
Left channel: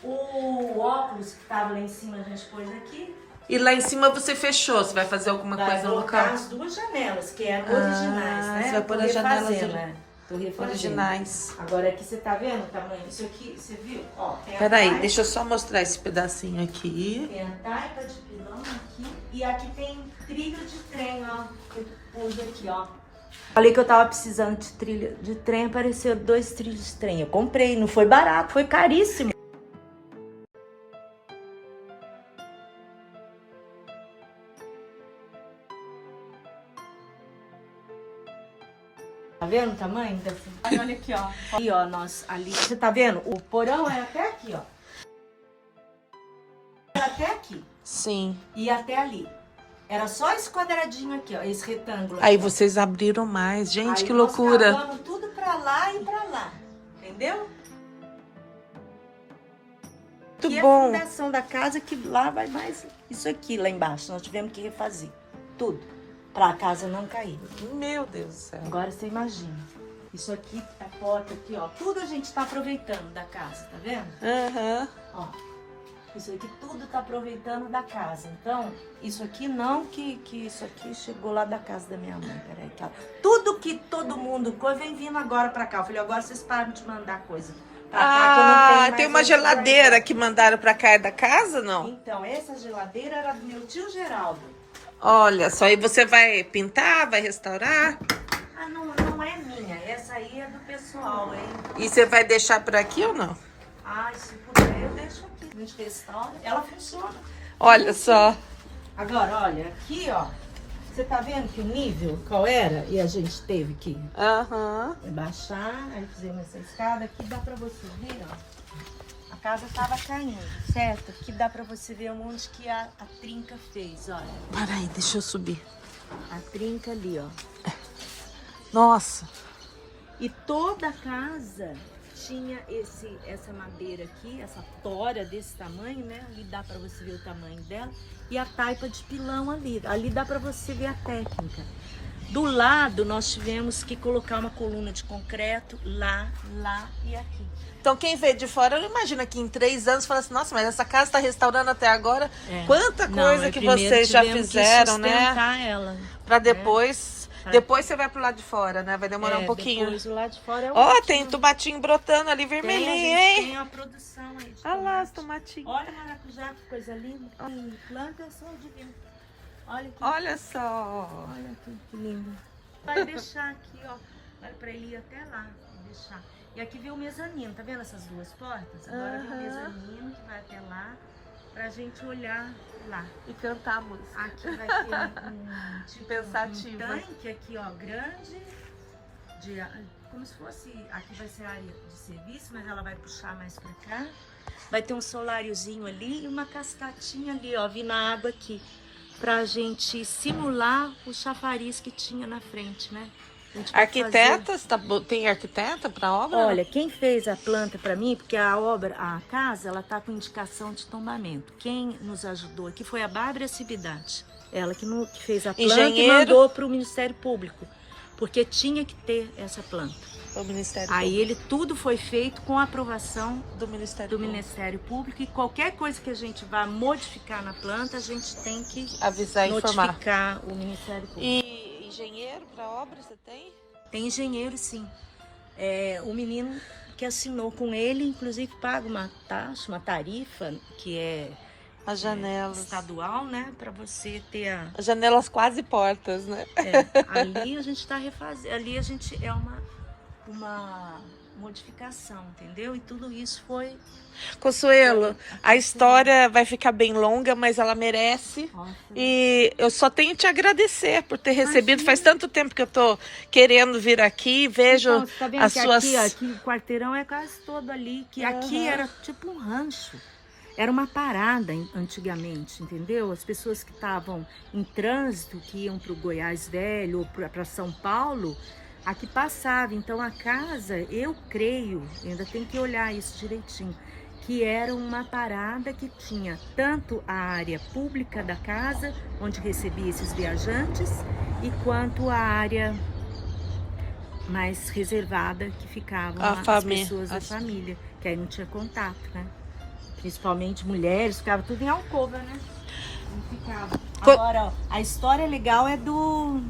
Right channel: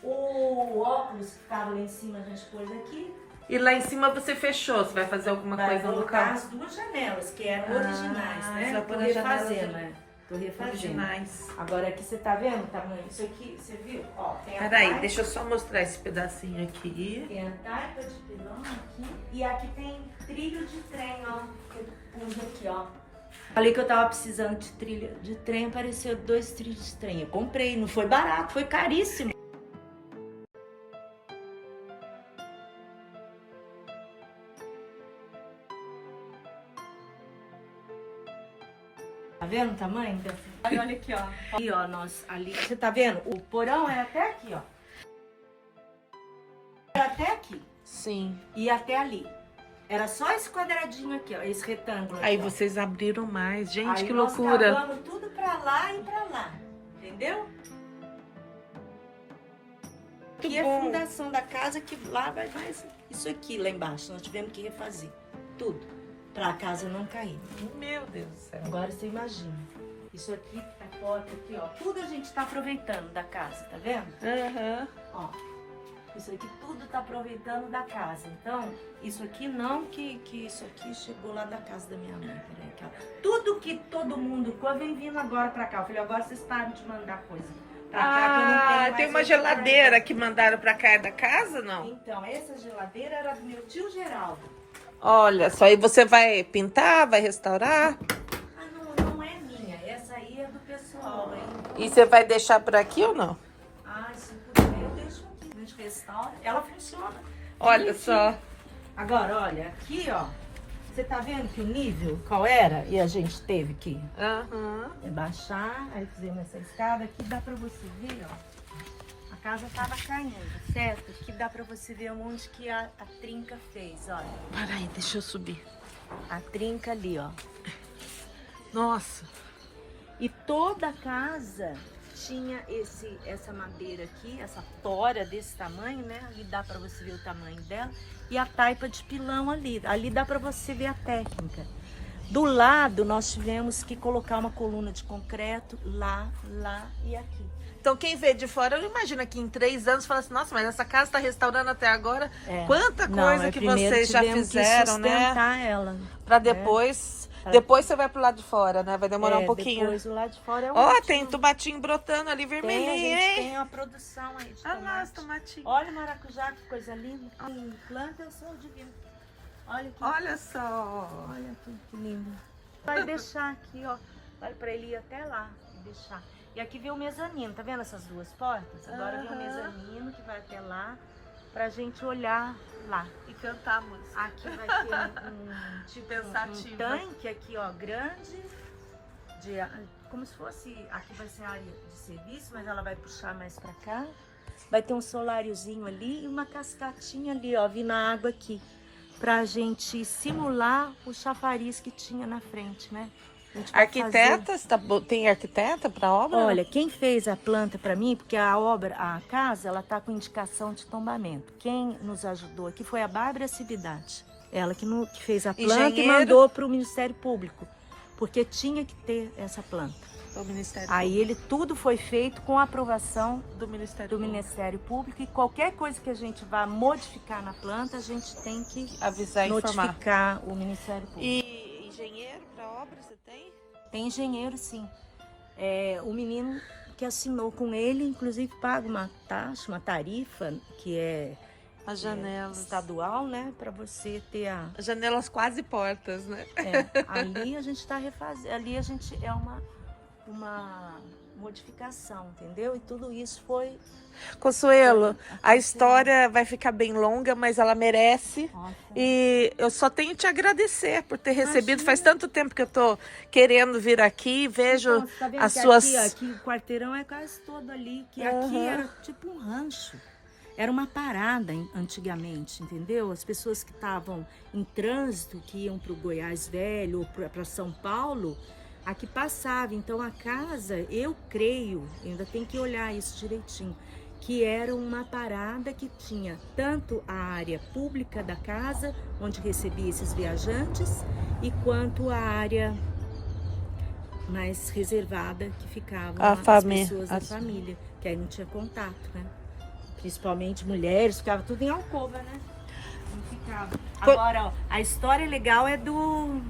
O óculos que tava lá em cima a gente pôs aqui. E lá em cima você fechou? Você vai fazer alguma coisa no local? As duas janelas, que eram originais, né? Você vai pôr as janelas né? Tô refazendo. originais. Agora aqui você tá vendo o tamanho? Isso aqui, você viu? Ó, tem a Peraí, taipa, deixa eu só mostrar esse pedacinho aqui. tem a taipa de pilão aqui. E aqui tem trilho de trem, ó. Que eu pus aqui, ó. Falei que eu tava precisando de trilho de trem, apareceu 2 trilhos de trem. Eu comprei, não foi barato, foi caríssimo. Tá vendo o tamanho dessa? Olha aqui, ó. Ali, ó, ali. Você tá vendo? O porão é até aqui, ó. Era até aqui. Sim. E até ali. Era só esse quadradinho aqui, ó. Esse retângulo. Aí aqui. vocês abriram mais. Gente, Aí que nós loucura. cavamos tudo pra lá e pra lá. Entendeu? Muito Aqui bom. é a fundação da casa, que lá vai mais isso aqui, lá embaixo. Nós tivemos que refazer tudo. Pra a casa não cair. Meu Deus do céu. Agora você imagina. Isso aqui, a porta aqui, ó. Tudo a gente tá aproveitando da casa, tá vendo? Aham. Ó. Isso aqui tudo tá aproveitando da casa. Então, isso aqui não que isso aqui chegou lá da casa da minha mãe. Peraí, tá? Tudo que todo mundo vem vindo agora pra cá. Eu falei, agora vocês param de mandar coisa. Pra cá, que eu não tenho mais tem uma essa geladeira que mandaram pra cá da casa, não? Então, essa geladeira era do meu tio Geraldo. Olha, só aí você vai pintar, vai restaurar? Não é minha. Essa essa aí é do pessoal, hein? E você vai deixar por aqui ou não? Ai, se puder, eu deixo aqui. A gente restaura. Ela funciona. Olha só. Agora, olha, aqui, ó. Você tá vendo que o nível, qual era? E a gente teve que Aham. baixar. Aí fizemos essa escada. Aqui dá pra você ver, ó. A casa tava caindo, certo? Aqui dá pra você ver onde que a trinca fez, olha. Para aí, deixa eu subir. A trinca ali, ó. Nossa. E toda a casa tinha essa madeira aqui, essa tora desse tamanho, né? Ali dá pra você ver o tamanho dela. E a taipa de pilão ali. Ali dá pra você ver a técnica. Do lado, nós tivemos que colocar uma coluna de concreto lá e aqui. Então quem vê de fora, não imagina que em 3 anos fala assim, nossa, mas essa casa está restaurando até agora. É. Quanta coisa que vocês já fizeram, né? Ela. Pra depois... Depois você vai pro lado de fora, né? Vai demorar um pouquinho. Depois o lado de fora é o Ó, último. tem tomatinho brotando ali, vermelhinho, hein? Tem a produção aí de Olha lá os tomate. tomatinhos. Olha o maracujá, que coisa linda. Planta só de vir. Olha aqui. Olha só. Olha aqui, que lindo. Vai deixar aqui, ó. Olha pra ele ir até lá. Deixar. E aqui vem o mezanino, tá vendo essas duas portas? Agora vem o mezanino que vai até lá, pra gente olhar lá. E cantar a música. Aqui vai ter um tipo Pensativo. um tanque aqui, ó, grande. Como se fosse, aqui vai ser a área de serviço, mas ela vai puxar mais pra cá. Vai ter um soláriozinho ali e uma cascatinha ali, ó, vindo a água aqui. Pra gente simular o chafariz que tinha na frente, né? Arquitetas, tem arquiteta pra obra? Olha, quem fez a planta para mim, porque a casa, ela tá com indicação de tombamento. Quem nos ajudou aqui foi a Bárbara Cividade. Ela que fez a planta Engenheiro. e mandou para o Ministério Público, porque tinha que ter essa planta. O Ministério Aí tudo foi feito com a aprovação do Ministério Público. Ministério Público, e qualquer coisa que a gente vá modificar na planta, a gente tem que Avisar e informar. notificar o Ministério Público. E engenheiro para obra você tem? Tem engenheiro, sim. O menino que assinou com ele, inclusive, paga uma taxa, uma tarifa, que é As janelas. estadual, né? Para você ter As janelas quase portas, né? ali a gente está refazendo. Ali a gente é uma modificação, entendeu? E tudo isso foi... Consuelo, a história vai ficar bem longa, mas ela merece. Nossa. E eu só tenho te agradecer por ter recebido. Faz tanto tempo que eu tô querendo vir aqui, vejo Então, você tá vendo as que suas... aqui o quarteirão é quase todo ali, que aqui era tipo um rancho. Era uma parada antigamente, entendeu? As pessoas que estavam em trânsito, que iam para o Goiás Velho ou para São Paulo, aqui passava. Então a casa, eu creio, ainda tem que olhar isso direitinho, que era uma parada que tinha tanto a área pública da casa, onde recebia esses viajantes, e quanto a área mais reservada, que ficavam as pessoas da família, que aí não tinha contato, né? Principalmente mulheres, ficava tudo em alcova, né? Não ficava. Agora, ó, a história legal é do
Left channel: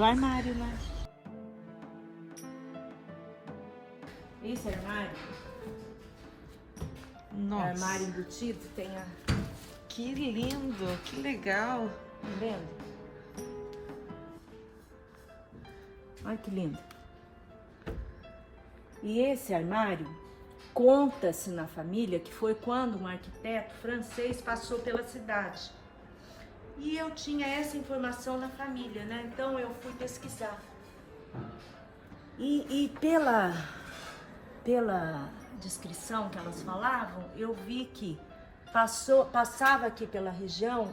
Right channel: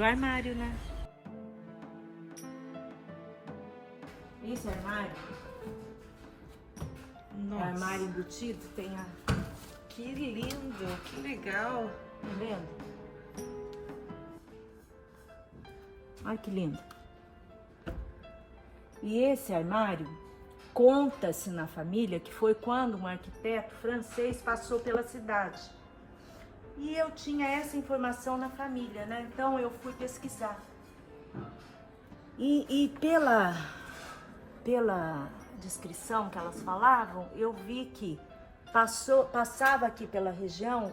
armário, né? Esse armário, Nossa, armário embutido, tem a... que lindo, que legal. Tá vendo? Olha que lindo. E esse armário, conta-se na família que foi quando um arquiteto francês passou pela cidade. E eu tinha essa informação na família, né? Então eu fui pesquisar. E pela descrição que elas falavam, eu vi que passava aqui pela região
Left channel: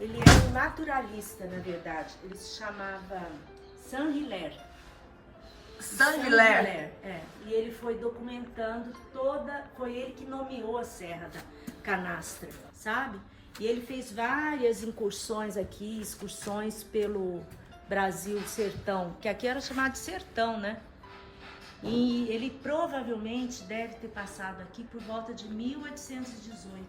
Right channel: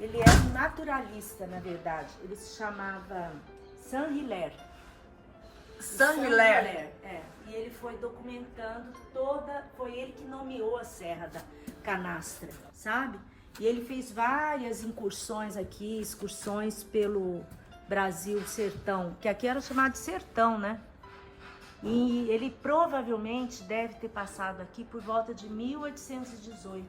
ele era um naturalista, na verdade. Ele se chamava Saint-Hilaire. Saint-Hilaire. E ele foi documentando foi ele que nomeou a Serra da Canastra, sabe? E ele fez várias incursões aqui, excursões pelo Brasil sertão, que aqui era chamado de sertão, né? E ele provavelmente deve ter passado aqui por volta de 1818.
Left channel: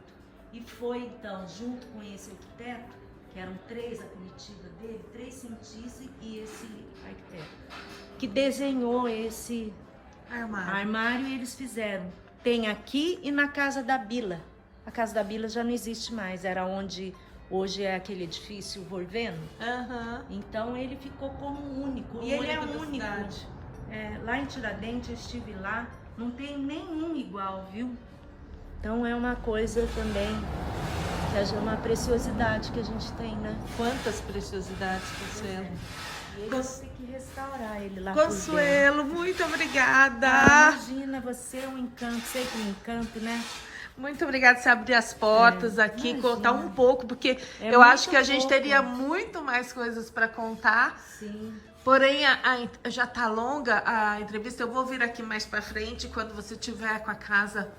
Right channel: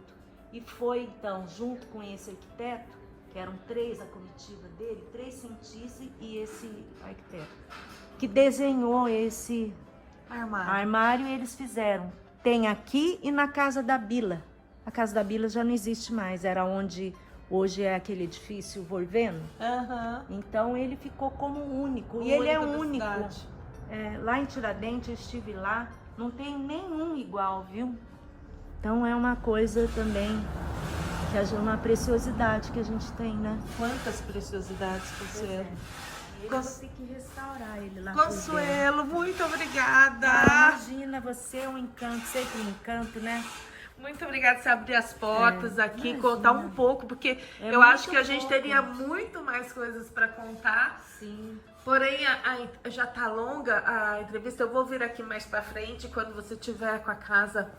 E foi então, junto com esse arquiteto, que eram 3 a comitiva dele, 3 cientistas e esse arquiteto, que desenhou esse armário, e eles fizeram. Tem aqui e na Casa da Bila. A Casa da Bila já não existe mais, era onde Hoje é aquele edifício Volveno. Aham. Então ele ficou como único. O E ele é único da único Verdade. Lá em Tiradentes, eu estive lá, não tem nenhum igual, viu? Então é uma coisa também, uma preciosidade que a gente tem, né? Quantas preciosidades, Consuelo. Eu vou ter que restaurar ele lá. Consuelo, muito obrigada. Imagina, você é um encanto, sempre um encanto, né? Muito obrigada por você abrir as portas aqui, imagina. contar um pouco, porque eu muito acho que a gente pouco. teria muito mais coisas para contar. Sim. Porém, já tá longa a entrevista. Eu vou vir aqui mais para frente quando você tiver com a casa,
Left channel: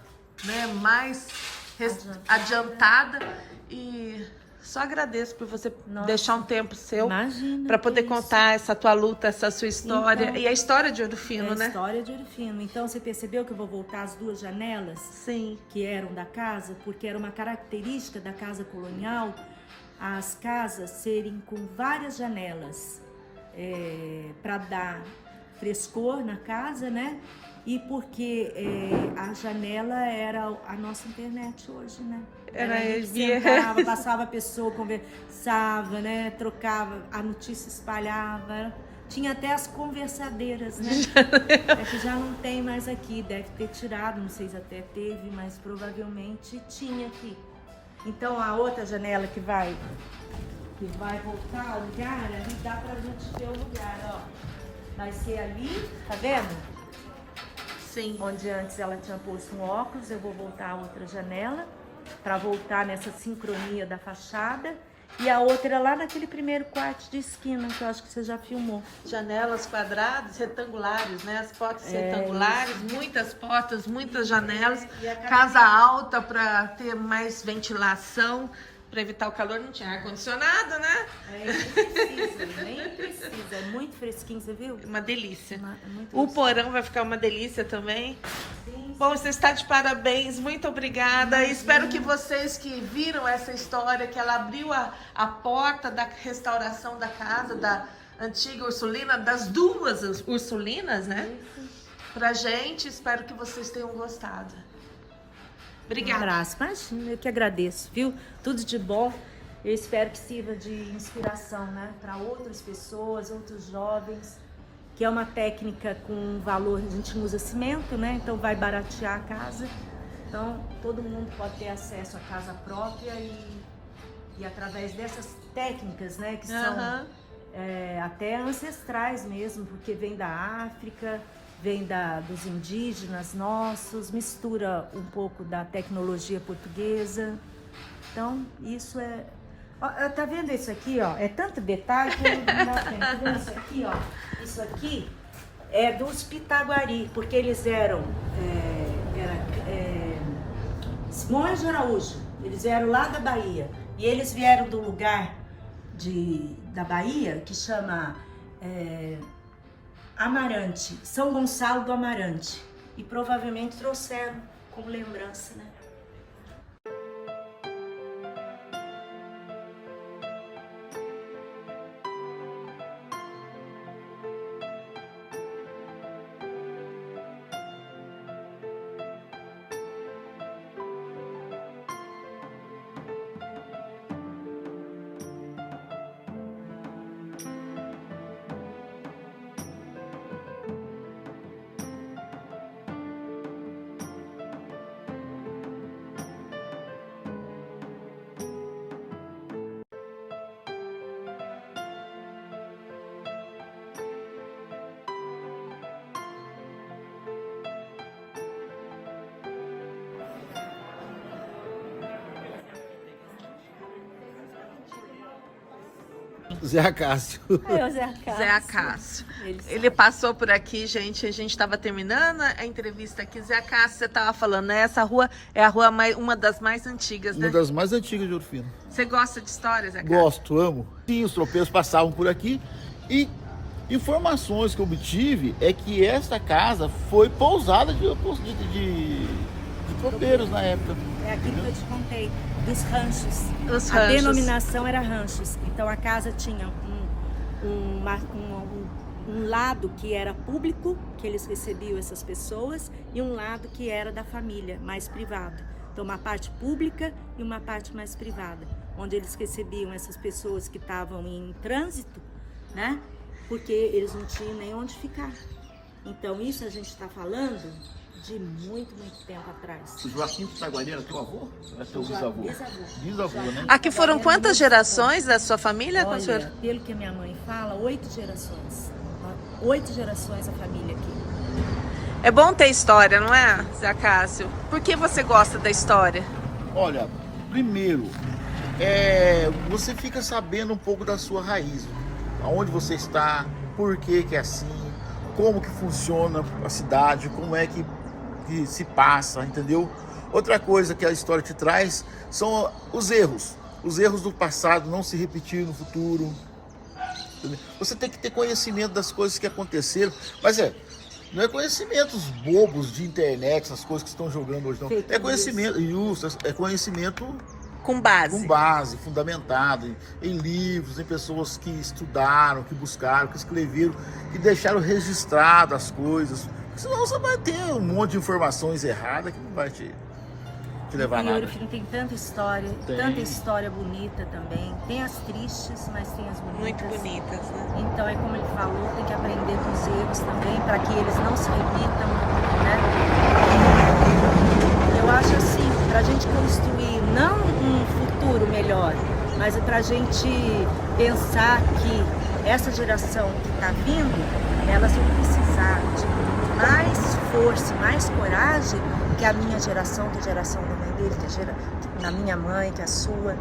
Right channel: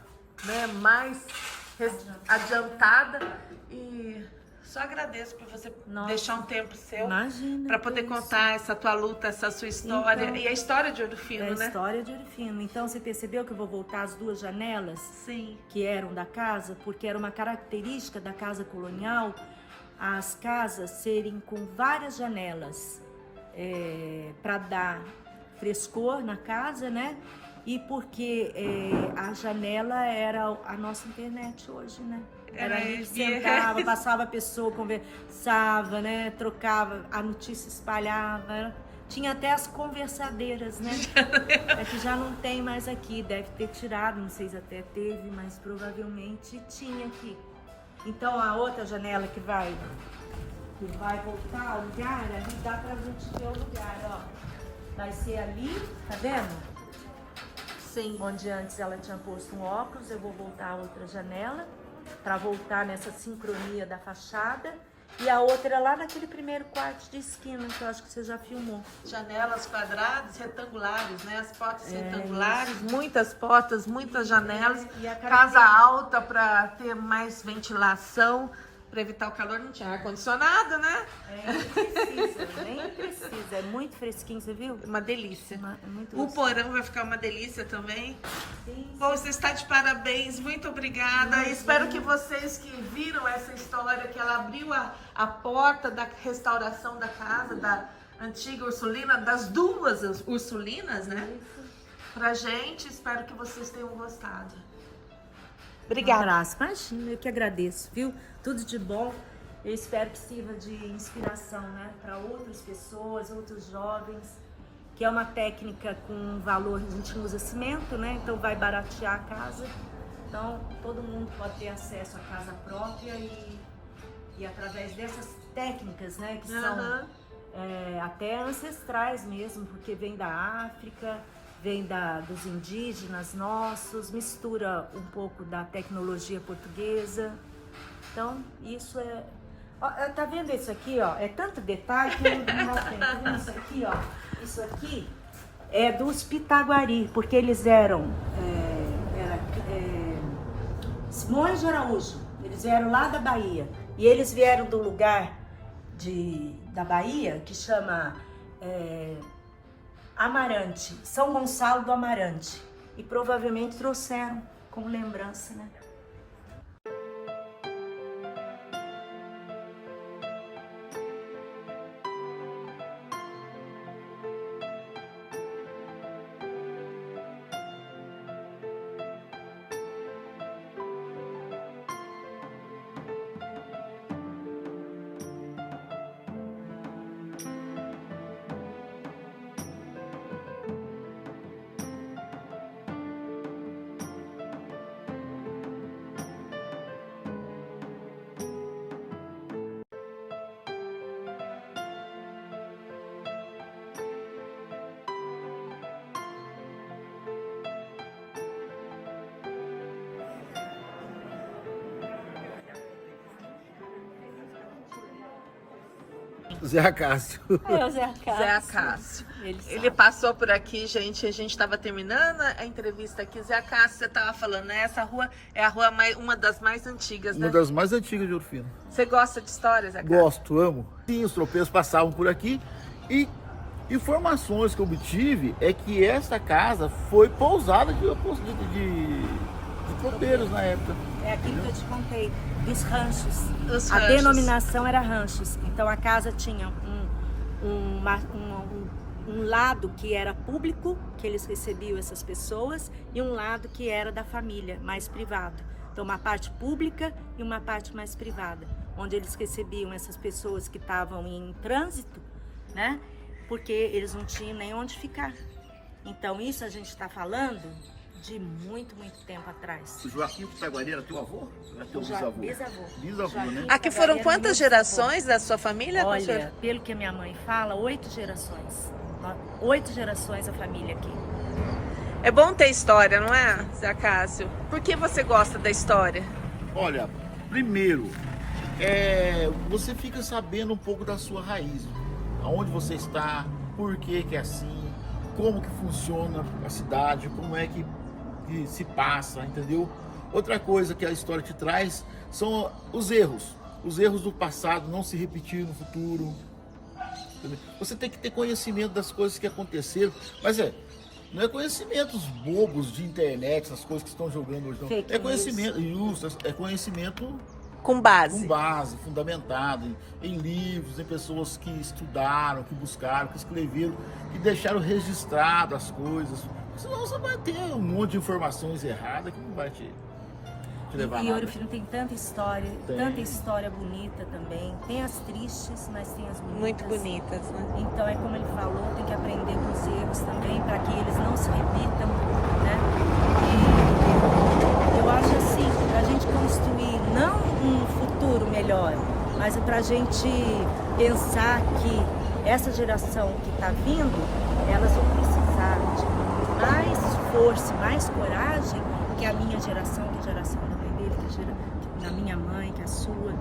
né, mais adiantada. E só agradeço por você deixar um tempo seu para poder contar essa tua luta, essa sua história. Então, e a história de Ouro Fino, né? A história de Ouro Fino. Então, você percebeu que eu vou voltar as 2 janelas? Sim. Que eram da casa, porque era uma característica da casa colonial as casas serem com várias janelas para dar frescor na casa, né? E porque a janela era a nossa internet hoje, né? Era ali que sentava, passava a pessoa, conversava, né? Trocava, a notícia espalhava. Tinha até as conversadeiras, né? É que já não tem mais aqui, deve ter tirado, não sei se até teve, mas provavelmente tinha aqui. Então a outra janela que vai voltar ao lugar, ali dá pra gente ver o lugar, ó. Vai ser ali, tá vendo? Sim. Onde antes ela tinha posto um óculos, eu vou voltar a outra janela para voltar nessa sincronia da fachada. E a outra lá naquele primeiro quarto de esquina, que eu acho que você já filmou. Janelas quadradas, retangulares, né? As portas retangulares, muitas portas, muitas janelas. Casa alta para ter mais ventilação, para evitar o calor. Não tinha ar-condicionado, né? Nem precisa. É muito fresquinho, você viu? Uma delícia. Muito O porão vai ficar uma delícia também. Sim. Bom, você está de parabéns, muito obrigada. Espero que vocês que viram essa história, que ela abriu a porta da restauração da casa, da antiga Ursulina, das 2 Ursulinas, né? Pra gente, espero que vocês tenham gostado. Obrigada. Imagina, eu que agradeço, viu? Tudo de bom. Eu espero que sirva de inspiração, né? Para outras pessoas, outros jovens. Que é uma técnica com valor, a gente usa cimento, né? Então vai baratear a casa. Então todo mundo pode ter acesso à casa própria e através dessas técnicas, né? Que são até ancestrais mesmo, porque vem da África, vem dos indígenas nossos, mistura um pouco da tecnologia portuguesa. Então isso é... Tá vendo isso aqui, ó? É tanto detalhe que não dá tempo. Tá vendo isso aqui, ó? Isso aqui é dos Pitaguari, porque eles eram Simões de Araújo. Eles vieram lá da Bahia. E eles vieram do lugar da Bahia que chama Amarante, São Gonçalo do Amarante. E provavelmente trouxeram como lembrança, né? Zé Acácio. É o Zé Acácio. Zé Acácio. Ele passou por aqui, gente. A gente estava terminando a entrevista aqui. Zé Acácio, você estava falando, né? Essa rua é a rua uma das mais antigas, né? Uma das mais antigas de Ouro Fino. Você gosta de histórias, Zé Acácio? Gosto, amo. Sim, os tropeiros passavam por aqui e informações que eu obtive é que esta casa foi pousada de tropeiros na época. É aquilo que eu te contei, dos ranchos. Os A ranchos. denominação era ranchos. Então a casa tinha um lado que era público, que eles recebiam essas pessoas, e um lado que era da família, mais privado. Então uma parte pública e uma parte mais privada, onde eles recebiam essas pessoas que estavam em trânsito, né? porque eles não tinham nem onde ficar. Então isso a gente está falando de muito, muito tempo atrás. O Joaquim Pitaguari era teu avô? Era teu bisavô? Bisavô. Bisavô, né? Aqui foram quantas gerações da sua família? Olha, pelo que a minha mãe fala, 8 gerações. 8 gerações a família aqui. É bom ter história, não é, Zé Cássio? Por que você gosta da história? Olha, primeiro, você fica sabendo um pouco da sua raiz. Aonde você está, por que é assim, como que funciona a cidade, como é que se passa, entendeu? Outra coisa que a história te traz são os erros. Os erros do passado não se repetir no futuro. Entendeu? Você tem que ter conhecimento das coisas que aconteceram, mas não é conhecimentos bobos de internet, essas coisas que estão jogando hoje, não. É conhecimento, é conhecimento Com base. fundamentado em livros, em pessoas que estudaram, que buscaram, que escreveram, que deixaram registrado as coisas. Senão você vai ter um monte de informações erradas que não vai te levar a nada. E Ouro Fino tem tanta história bonita também. Tem as tristes, mas tem as bonitas. Muito bonitas, né? Então é como ele falou, tem que aprender com os erros também, para que eles não se repitam, né? Eu acho assim, para a gente construir não um futuro melhor, mas é para a gente pensar que essa geração que está vindo, elas vão precisar de mais força, mais coragem que a minha geração, que é a geração da mãe dele, que é da minha mãe, que é a sua.